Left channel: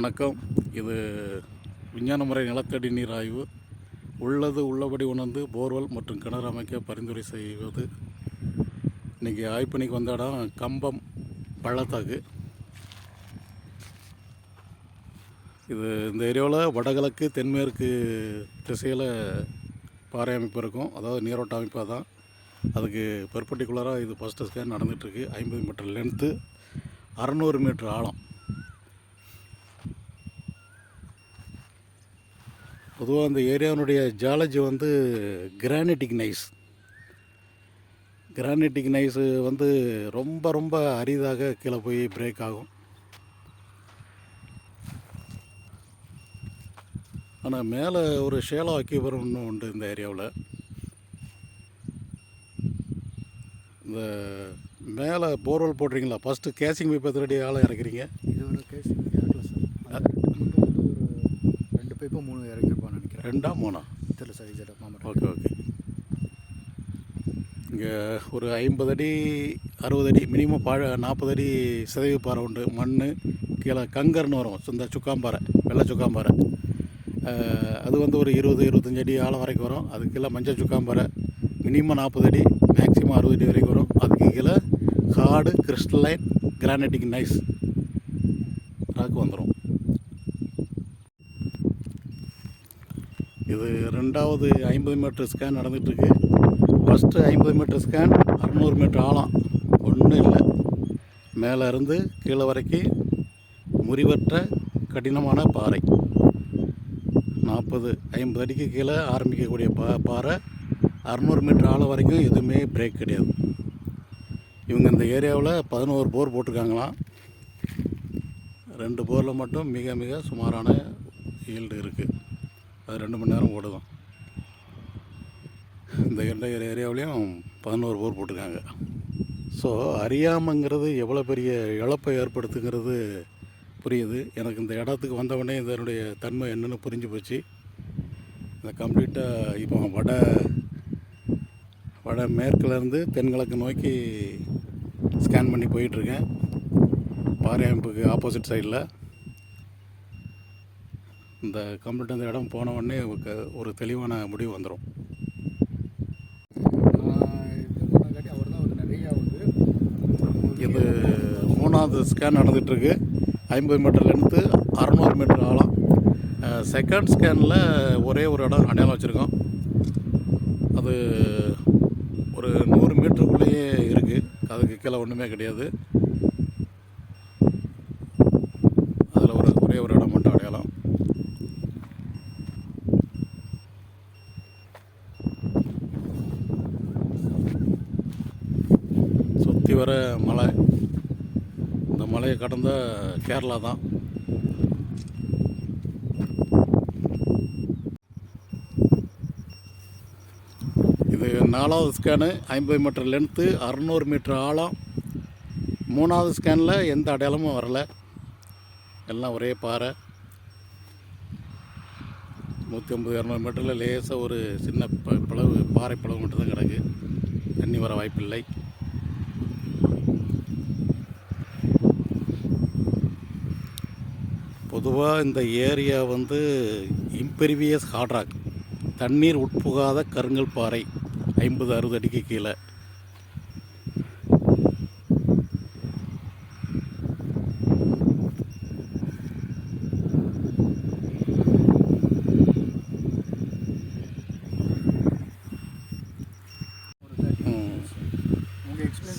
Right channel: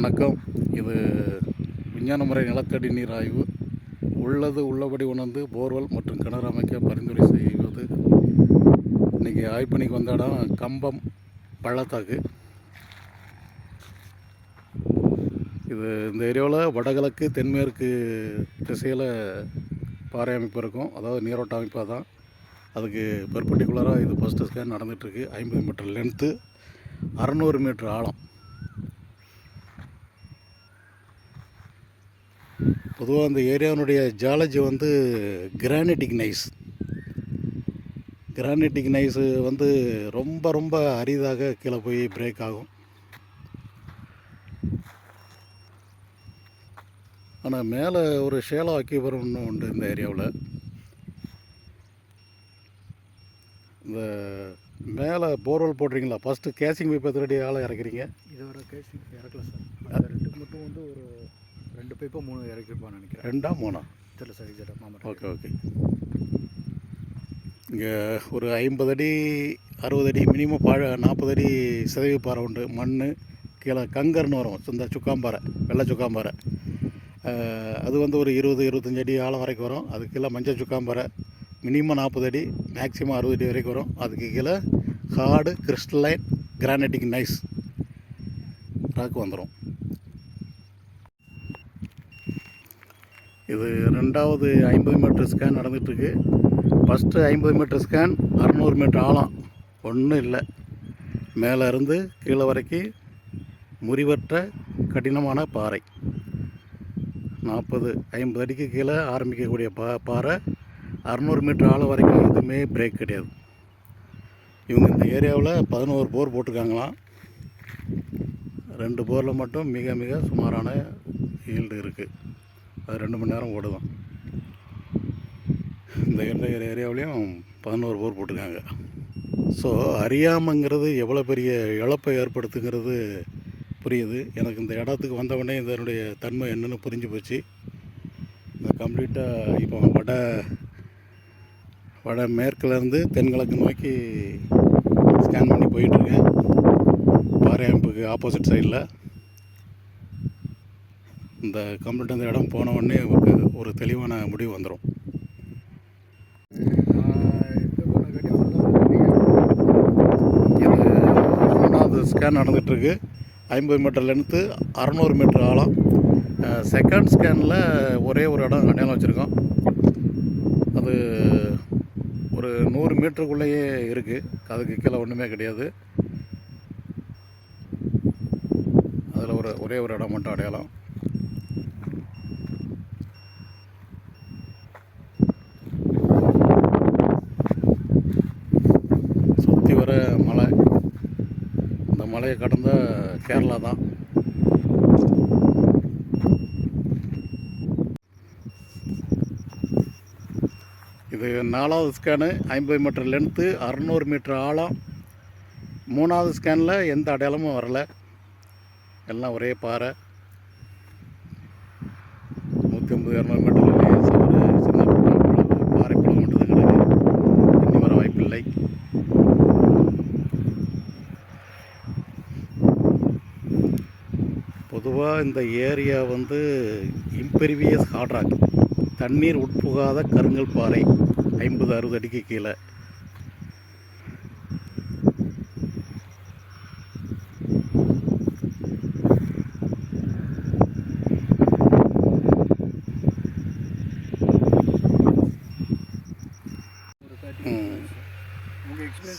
வணக்கம். இது விஞ்ஞான முறை நிலத்தடி நீர் ஆய்வு. உள்ளது உள்ளபடி உணர்ந்து போர்வெல் மற்றும் கிணறு அமைக்க பரிந்துரை செய்வது. இன்றைக்கி ஆய்ப்பணிக்கு வந்த இடம் கம்பம் பள்ளத்தாக்கு. இது இந்த ஏரியாவில் வடகிழக்கு தென்மேற்கு திசையில் பாறை அமைப்பு இருக்கும், அதாவது நீரோட்ட அமைப்பாக தான். அதுக்கு பெர்பெண்டிகுலராக இது ஃபஸ்ட்டு ஸ்கேன் நடந்துகிட்ருக்கு. 50 மீட்டர் லென்த்து, 600 மீட்டர் ஆழம். பொதுவாக அந்த ஏரியாவினுடைய ஜாலஜி வந்து கிரானைட்டிக் நைஸ் ரொம்ப ரொம்ப அரிதாக கீழே போய் பிரேக் ஆகும். ஆனால் மேலே ஒரு ஷேலோ அக்யூபரம்னு உண்டு இந்த ஏரியாவில். இந்த மேலே போர்வெல் போடுறீங்களா, ஃபஸ்ட்டு கேசிங் பைப் எத்தனை அடி ஆழம் இறக்குறீங்க? இப்போ 3 இறக்கிருப்பான்னு நினைக்கிறேன். 2ஆ 3ஆ? தெரியல சார், இது ஓகே. இங்கே ஒரு 50 அடி 60 அடி மினிமம் 40 அடி சிதைவு பாறை உண்டு. மண் கீழே கங்கர்னு வரும், இந்த சுக்காம்பாறை, வெள்ளை சுக்காம்பாறை. அது ஒரு 20-25 அடி ஆழம் வரைக்கும் வரும். அதுக்கு கீழே மஞ்சள் சுக்காம்பாறை மினிமம் 40 அடி, மேக்ஸிமம் 60 அடி வரைக்கும் வரும். அதுக்கு கீழே ஹார்டு கிறிஸ்டலைன் கிரானைட்டிக் நைஸ் ராக்கு வந்துடும். இது 2வது 50 மீட்டர் ஸ்கேன் நடந்துகிட்ருக்கு. ஃபஸ்ட்டு 50 மீட்டர் ஸ்கேன் 600 மீட்டர் ஆழம், ஒன்றும் இல்லை. மேலே இருந்து கீழே வரைக்கும் முறிவற்ற கடினமான பாறை. 40-50 அடிக்கு கீழே ஆரம்பிக்கக்கூடிய பாறை. 600 மீட்டர் ஆழம் வரைக்கும் எதுவுமே பிரேக் கிடையாது. இவங்க இந்த ஏரியாவில் 11 போர் போட்டிருக்காங்களாம். 2 போரில் மட்டும் மிக மிக சுமாரான ஈல்டு இருக்குது. அது 2 மணி நேரம் ஓடுதான். இந்த ஏரியாவிலையும் 11 போர் போட்டிருக்காங்க. ஸோ அறியாமைங்கிறது எவ்வளோ பெரிய இழப்பை ஏற்படுத்துங்கிறது புரியுது. எனக்கு இந்த இடத்துக்கு வந்தவுடனே இதனுடைய தன்மை என்னென்னு புரிஞ்சு போச்சு. இந்த கம்ப்ளீட்டாக இப்போ வட மேற்குலேருந்து தென்கிழக்கு நோக்கி ஸ்கேன் பண்ணி போயிட்டுருக்கேன். பாறை அமைப்புக்கு ஆப்போசிட் சைடில். இந்த கம்ப்ளீட் அந்த இடம் போன உடனே ஒரு தெளிவான முடிவு வந்துடும். இது 3வது ஸ்கேன் நடந்துகிட்ருக்கு. 50 மீட்டர் லென்த்து, 600 மீட்டர் ஆழம். செகண்ட் ஸ்கேனில் ஒரே ஒரு இடம் அடையாளம் வச்சுருக்கோம். அது ஒரு 100 மீட்டருக்குள்ளேயே இருக்குது. அதுக்கு கீழே ஒன்றுமே கிடையாது. அதில் ஒரே ஒரு இடம் மட்டும் அடையாளம். சுற்றி வர மலை, இந்த மலையை கடந்த கேரளா தான். இது 4வது ஸ்கேனு, 50 மீட்டர் லென்த்து, 600 மீட்டர் ஆழம். 3வது ஸ்கேனில் எந்த அடையாளமும் வரலை. எல்லாம் ஒரே பாறை. 150-200 மீட்டரில் லேசாக ஒரு சின்ன பாறை பிளவு மட்டும் தான் கிடக்கு. தண்ணி வர வாய்ப்பில்லை. பொதுவாக இந்த ஏரியா இம்பெரிவியஸ் ஹார்ட் ராக், தண்ணீர் உட்புகாத கருங்கல் பாறை. 50-60 அடிக்கு கீழே.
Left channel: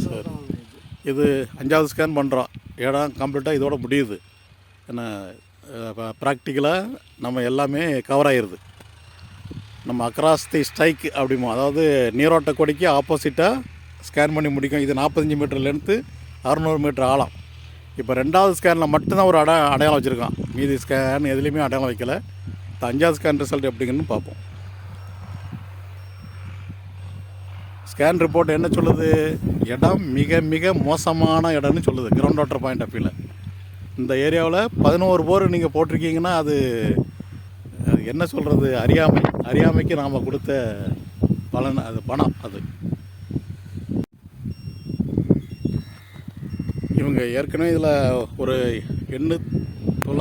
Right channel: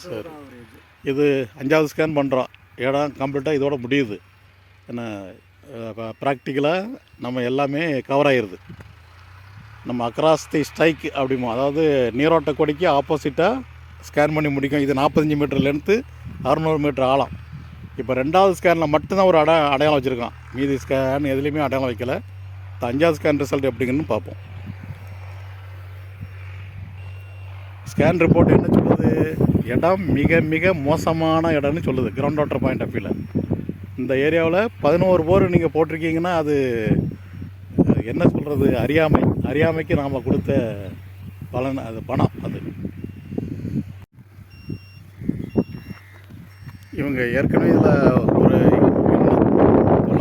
சரி, இது 5வது ஸ்கேன் பண்ணுறோம். இடம் கம்ப்ளீட்டாக இதோட முடியுது. ஏன்னா ப்ராக்டிக்கலாக நம்ம எல்லாமே கவர் ஆகிடுது. நம்ம அக்ராஸ் தி ஸ்ட்ரைக் அப்படிமோ, அதாவது நீரோட்ட கொடிக்கு ஆப்போசிட்டாக ஸ்கேன் பண்ணி முடிக்கும். இது 45 மீட்டர் லென்த்து, 600 மீட்டர் ஆழம். இப்போ 2வது ஸ்கேனில் மட்டும்தான் ஒரு அடையாளம் வச்சுருக்கோம். மீதி ஸ்கேன் எதுலேயுமே அடையாளம் வைக்கலை. 5வது ஸ்கேன் ரிசல்ட் எப்படிங்கன்னு பார்ப்போம். ஸ்கேன் ரிப்போர்ட் என்ன சொல்லுது? இடம் மிக மிக மோசமான இடம்னு சொல்லுது, கிரவுண்ட் வாட்டர் பாயிண்ட் ஆஃப் வியூவில். இந்த ஏரியாவில் 11 போர் நீங்கள் போட்டிருக்கீங்கன்னா அது என்ன சொல்கிறது, அறியாமைக்கு நாம் கொடுத்த பலன், அது பணம். அது இவங்க ஏற்கனவே இதில் ஒரு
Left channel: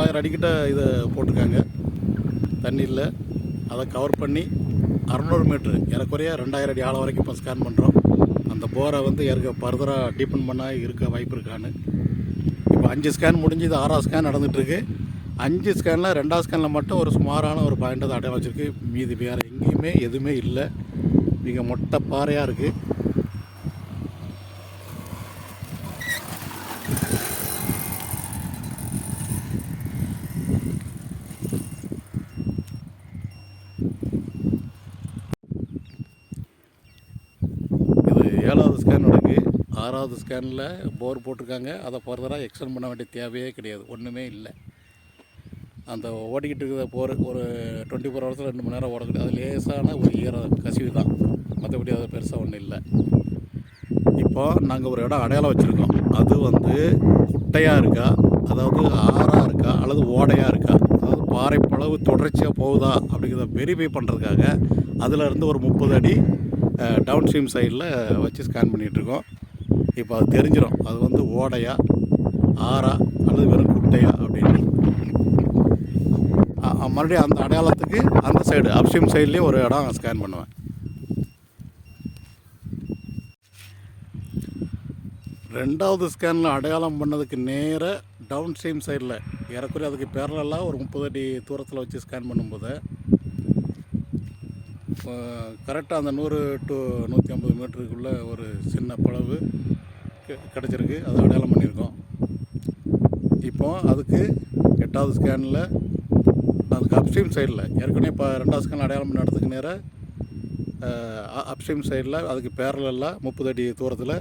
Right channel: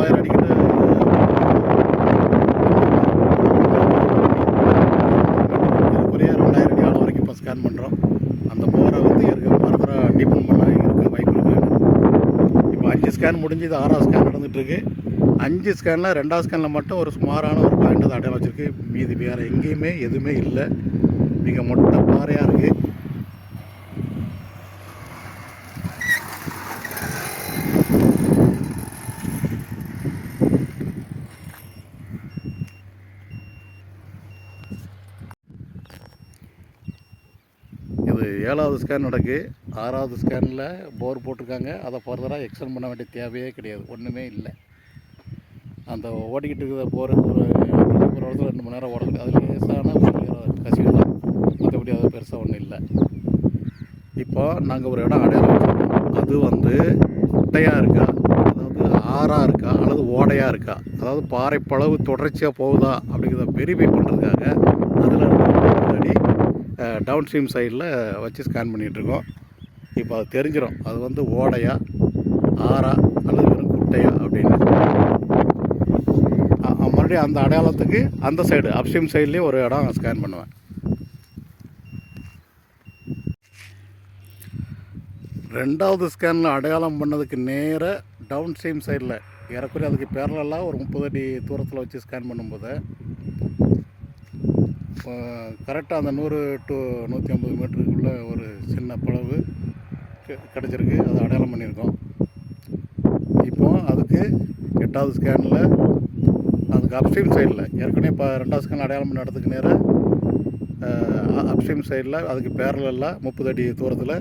900 அடிக்கிட்ட இதை போட்டுருக்காங்க தண்ணியில். அதை கவர் பண்ணி 600 மீட்டர் ஏறக்குறைய 2000 அடி ஆழம் வரைக்கும் இப்போ ஸ்கேன் பண்ணுறோம். அந்த போரை வந்து ஃபர்தராக டீப்பன் பண்ணால் இருக்க வாய்ப்பு இருக்கான்னு. இப்போ 5 ஸ்கேன் முடிஞ்சு இது 6ஆவது ஸ்கேன் நடந்துகிட்ருக்கு. 5 ஸ்கேனில் 2ஆவது ஸ்கேனில் மட்டும் ஒரு சுமாரான ஒரு பாயிண்ட் தான் அடையாளம் வச்சுருக்கு. மீதி வேறு எங்கேயுமே எதுவுமே இல்லை. மிக மொட்டை பாறையாக இருக்குது. இது 7ஆவது ஸ்கேன் நடக்கு. 6ஆவது ஸ்கேனில் போர் போட்டிருக்காங்க. அதை ஃபர்தராக எக்ஸ்டெண்ட் பண்ண வேண்டிய தேவையே கிடையாது. ஒன்றுமே இல்லை. அந்த ஓடிக்கிட்டு இருக்கிற போர் ஒரு 24 ஹவர்ஸில் 2 மணி நேரம் ஓடக்கூடிய அது லேசான ஒரு கசிவு தான். மற்றபடி அது பெருசாக ஒன்றும் இல்லை. இப்போ நாங்கள் ஒரு இடம் அடையாளம் வச்சுருக்கோம். அது வந்து குட்டையாக இருக்கா, அதாவது ஆறாக இருக்கா, அல்லது ஓடையாக இருக்கா, அதாவது பாறை பளவு தொடர்ச்சியாக போகுதா அப்படிங்கிறத வெரிஃபை பண்ணுறதுக்காக அதில் இருந்து ஒரு 30 அடி டவுன் ஸ்ட்ரீம் சைடில் வச்சு ஸ்கேன் பண்ணிகிட்ருக்கோம். இப்போ அது தெரிஞ்சிடும் அது வந்து ஓடையா, ஆறா, அல்லது வெறும் குட்டையா அப்படின்னு. மறுபடியும் அந்த அடையாளத்துக்கு அந்த சைடு அப்ஸ்ட்ரீம் சைட்லேயும் ஒரு இடம் ஸ்கேன் பண்ணுவேன். 2ஆவது ஸ்கேனில் அடையாளம் பண்ணதுக்கு நேராக டவுன் ஸ்ட்ரீம் சைடில் ஏறக்குறைய அதுக்கு பேரலாக ஒரு 30 அடி தூரத்தில் வச்சு ஸ்கேன் பண்ணும்போது கரெக்டாக அந்த 100 to 150 மீட்டருக்குள்ளே ஒரு சின்ன பளவு கிடச்சிருக்கு. அது அடையாளம் பண்ணியிருக்கோம். இப்போது அதுக்கு 8ஆவது ஸ்கேனில் அதுக்கு அப்ஸ்ட்ரீம் சைடில் ஏற்கனவே இப்போ 2ஆவது ஸ்கேன் அடையாளம் பண்ண இடத்துக்கு நேராக அப்ஸ்ட்ரீம் சைடில் அதுக்கு பேரலாக 30 அடி தூரத்தில்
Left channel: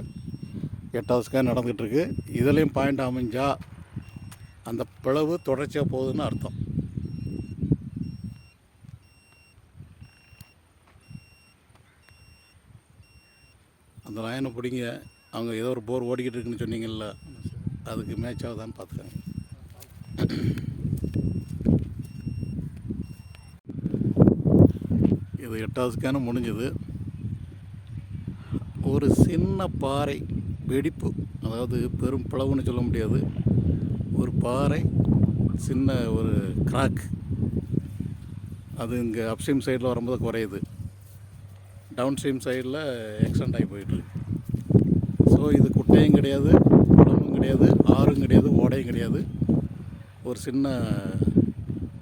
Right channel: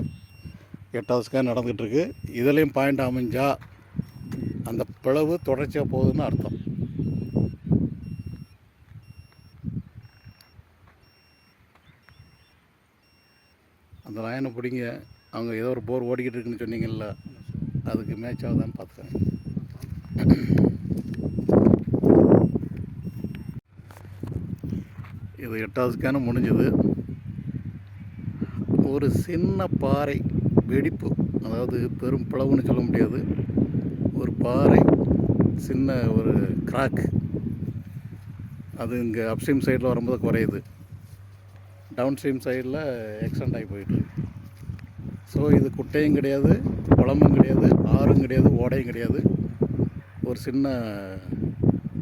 8ஆவது ஸ்கேன் நடந்துகிட்ருக்கு. இதுலேயும் பாயிண்ட் அமைஞ்சால் அந்த பிளவு தொடர்ச்சியாக போகுதுன்னு அர்த்தம். அந்த லைனை பிடிங்க. அவங்க ஏதோ ஒரு போர் ஓடிக்கிட்டு இருக்குன்னு சொன்னீங்கல்ல, அதுக்கு மேட்ச் ஆகுதான்னு பார்த்துக்கங்க. இது 8ஆவது ஸ்கேனும் முடிஞ்சுது. ஒரு சின்ன பாறை வெடிப்பு, அதாவது பெரும் பிளவுன்னு சொல்ல முடியாது, ஒரு பாறை சின்ன ஒரு கிராக், அது இங்கே அப்ஸ்ட்ரீம் சைடில் வரும்போது குறையுது, டவுன் ஸ்ட்ரீம் சைடில் எக்ஸ்டெண்ட் ஆகி போயிட்டுருக்கு. ஸோ இது குட்டையும் கிடையாது, குளமும் கிடையாது, ஆறும் கிடையாது, ஓடையும் கிடையாது, ஒரு சின்ன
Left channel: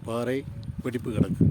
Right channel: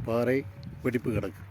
பாறை வெடிப்பு கிடக்கு.